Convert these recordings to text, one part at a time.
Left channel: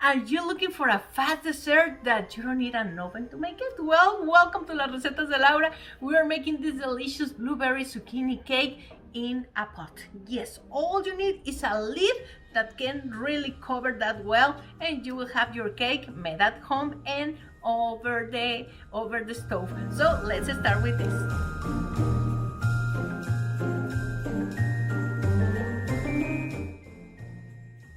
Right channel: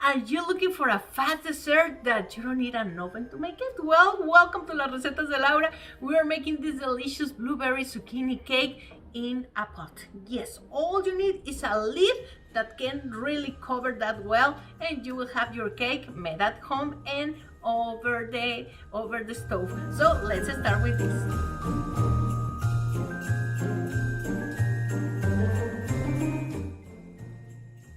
Are you looking for a fast dessert that you don't need an oven to make it? Well, welcome to Las Recetas de Laura. We are making this delicious blueberry zucchini cake in a pot. Yes, all you need is a lid that can really cover that well, and you will have your cake made at home and over the stove. So let's start with this.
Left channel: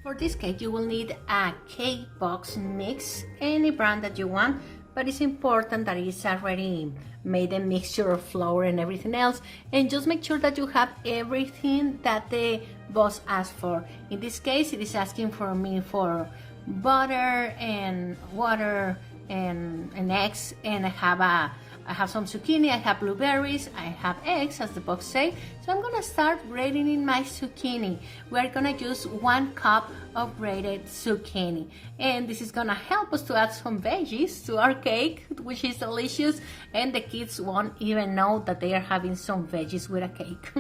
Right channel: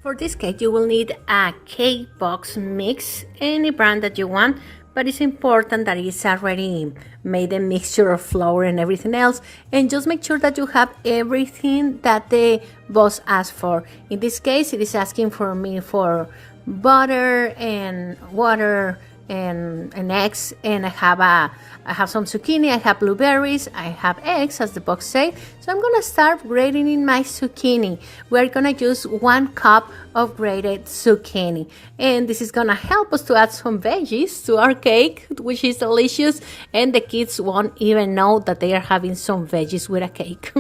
For this cake, you will need a cake box mix, any brand that you want, but it's important that it's already made a mixture of flour and everything else, and just make sure that you have everything that the boss asked for. In this case, it is asking for me for butter and water and eggs, and I have some zucchini, I have blueberries, I have eggs, as the box says. So I'm gonna start grating in my zucchini. We're gonna use 1 cup of grated zucchini, and this is gonna help us to add some veggies to our cake, which is delicious, and the kids won't even know that they are having some veggies with a cake.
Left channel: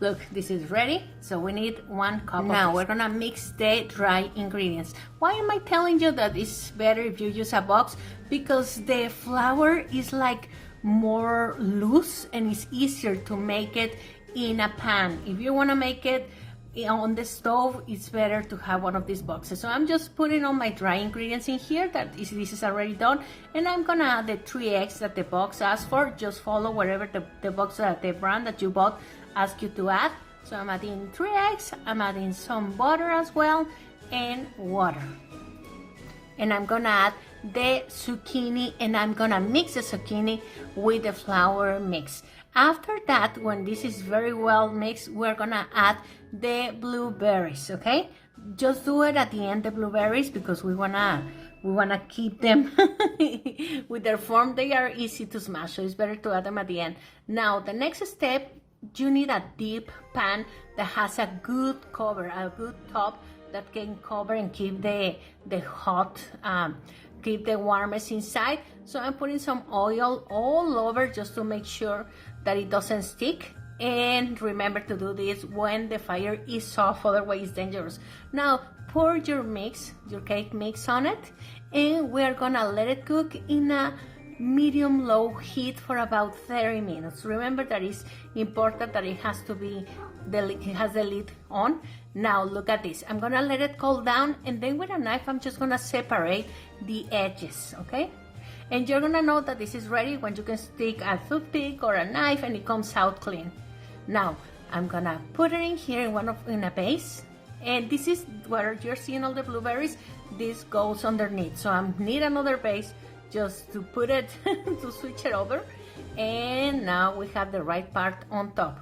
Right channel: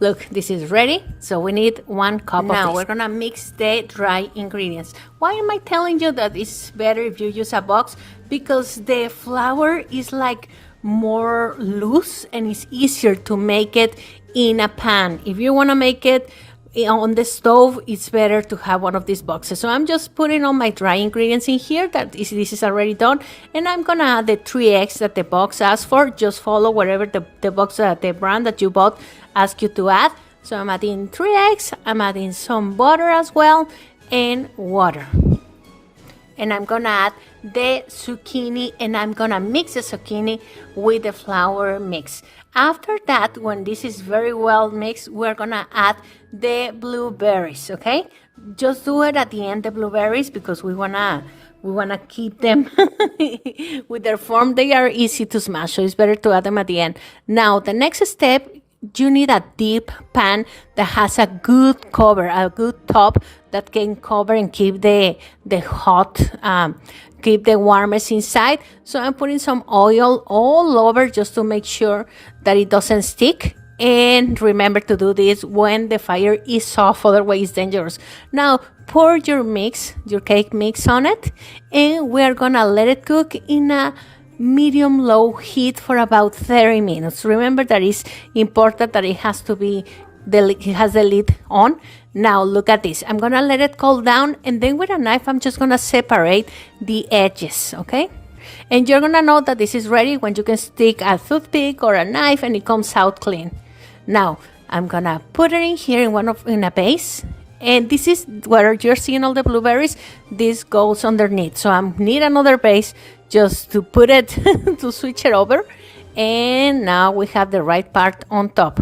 Look, this is ready, so we need 1 cup of this. Now we're gonna mix the dry ingredients. Why am I telling you that it's better if you use a box? Because the flour is like more loose and it's easier to make it in a pan. If you want to make it on the stove, it's better to have one of these boxes. So I'm just putting all my dry ingredients in here. This is already done, and I'm gonna add the 3 eggs that the box asked for. Just follow whatever the box, the brand that you bought asked you to add. So I'm adding 3 eggs, I'm adding some butter as well, and water. And I'm gonna add the zucchini, and I'm gonna mix the zucchini with the flour mix. After that, when this is very well mixed, we're gonna add the blueberries, okay? Just do it at the end, the blueberries, because we wanna keep them with their form. They are easy to smash, so it's better to add them at the end. Now, the next step, you need a deep pan that has a good cover, a good top that can cover and keep the hot, keep the warmest inside. So I'm putting some oil all over just to make sure that it doesn't stick. And remember to do this when the fire is off, otherwise it's dangerous. Now pour your mix, your cake mix on it, and we're gonna let it cook in a medium-low heat for about 30 minutes. Remember that it's important that it has to be, it has the lid on. Now look at this. I'm gonna let it cool down, and then with a knife, I'm just gonna separate the edges, okay? And you're gonna know that this is ready when you can stick a toothpick or a knife and it comes out clean. Now, I'm gonna put it in here in a base. And this is where you're seeing all the blueberries. This goes underneath. So I need another base just to put it, to switch it over. And now we have the right part on top.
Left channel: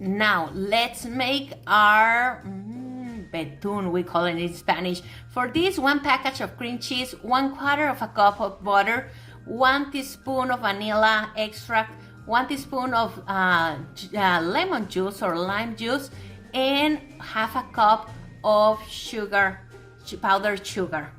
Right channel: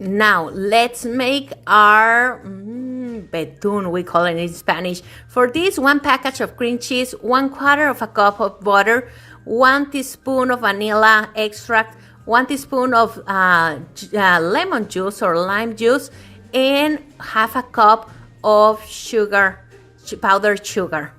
Now let's make our betún, we call it in Spanish. For this, 1 package of cream cheese, 1/4 of a cup of butter, 1 teaspoon of vanilla extract, 1 teaspoon of lemon juice or lime juice, and 1/2 cup of sugar, powdered sugar.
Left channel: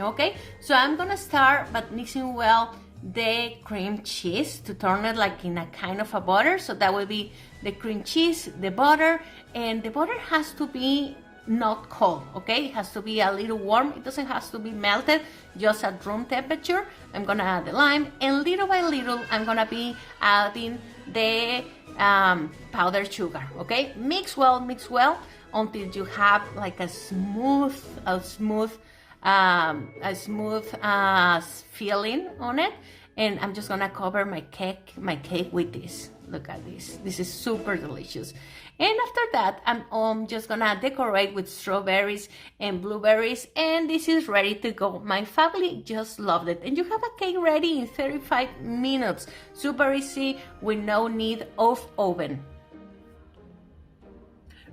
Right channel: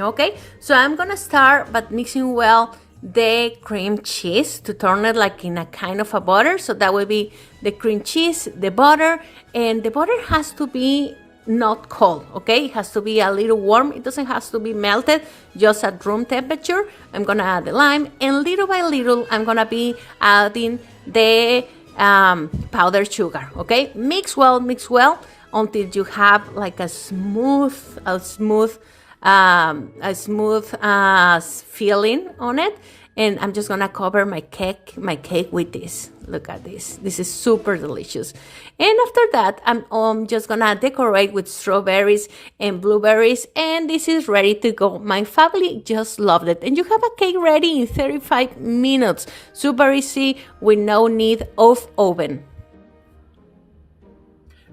Okay, so I'm gonna start by mixing well the cream cheese to turn it like in a kind of a butter. So that will be the cream cheese, the butter, and the butter has to be not cold, okay? It has to be a little warm. It doesn't have to be melted, just at room temperature. I'm gonna add the lime, and little by little I'm gonna be adding the powdered sugar, okay? Mix well until you have like a smooth filling on it. And I'm just gonna cover my cake with this. Look at this. This is super delicious. And after that, I'm just gonna decorate with strawberries and blueberries, and this is ready to go. My family just loved it. And you have a cake ready in 35 minutes. Super easy with no need of oven.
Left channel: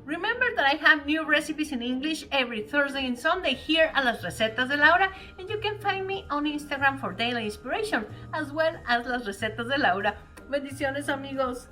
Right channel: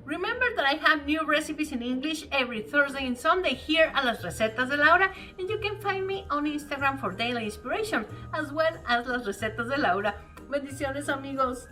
Remember that I have new recipes in English every Thursday and Sunday here at Las Recetas de Laura, and you can find me on Instagram for daily inspiration, as well as Las Recetas de Laura. Bendiciones, amigos.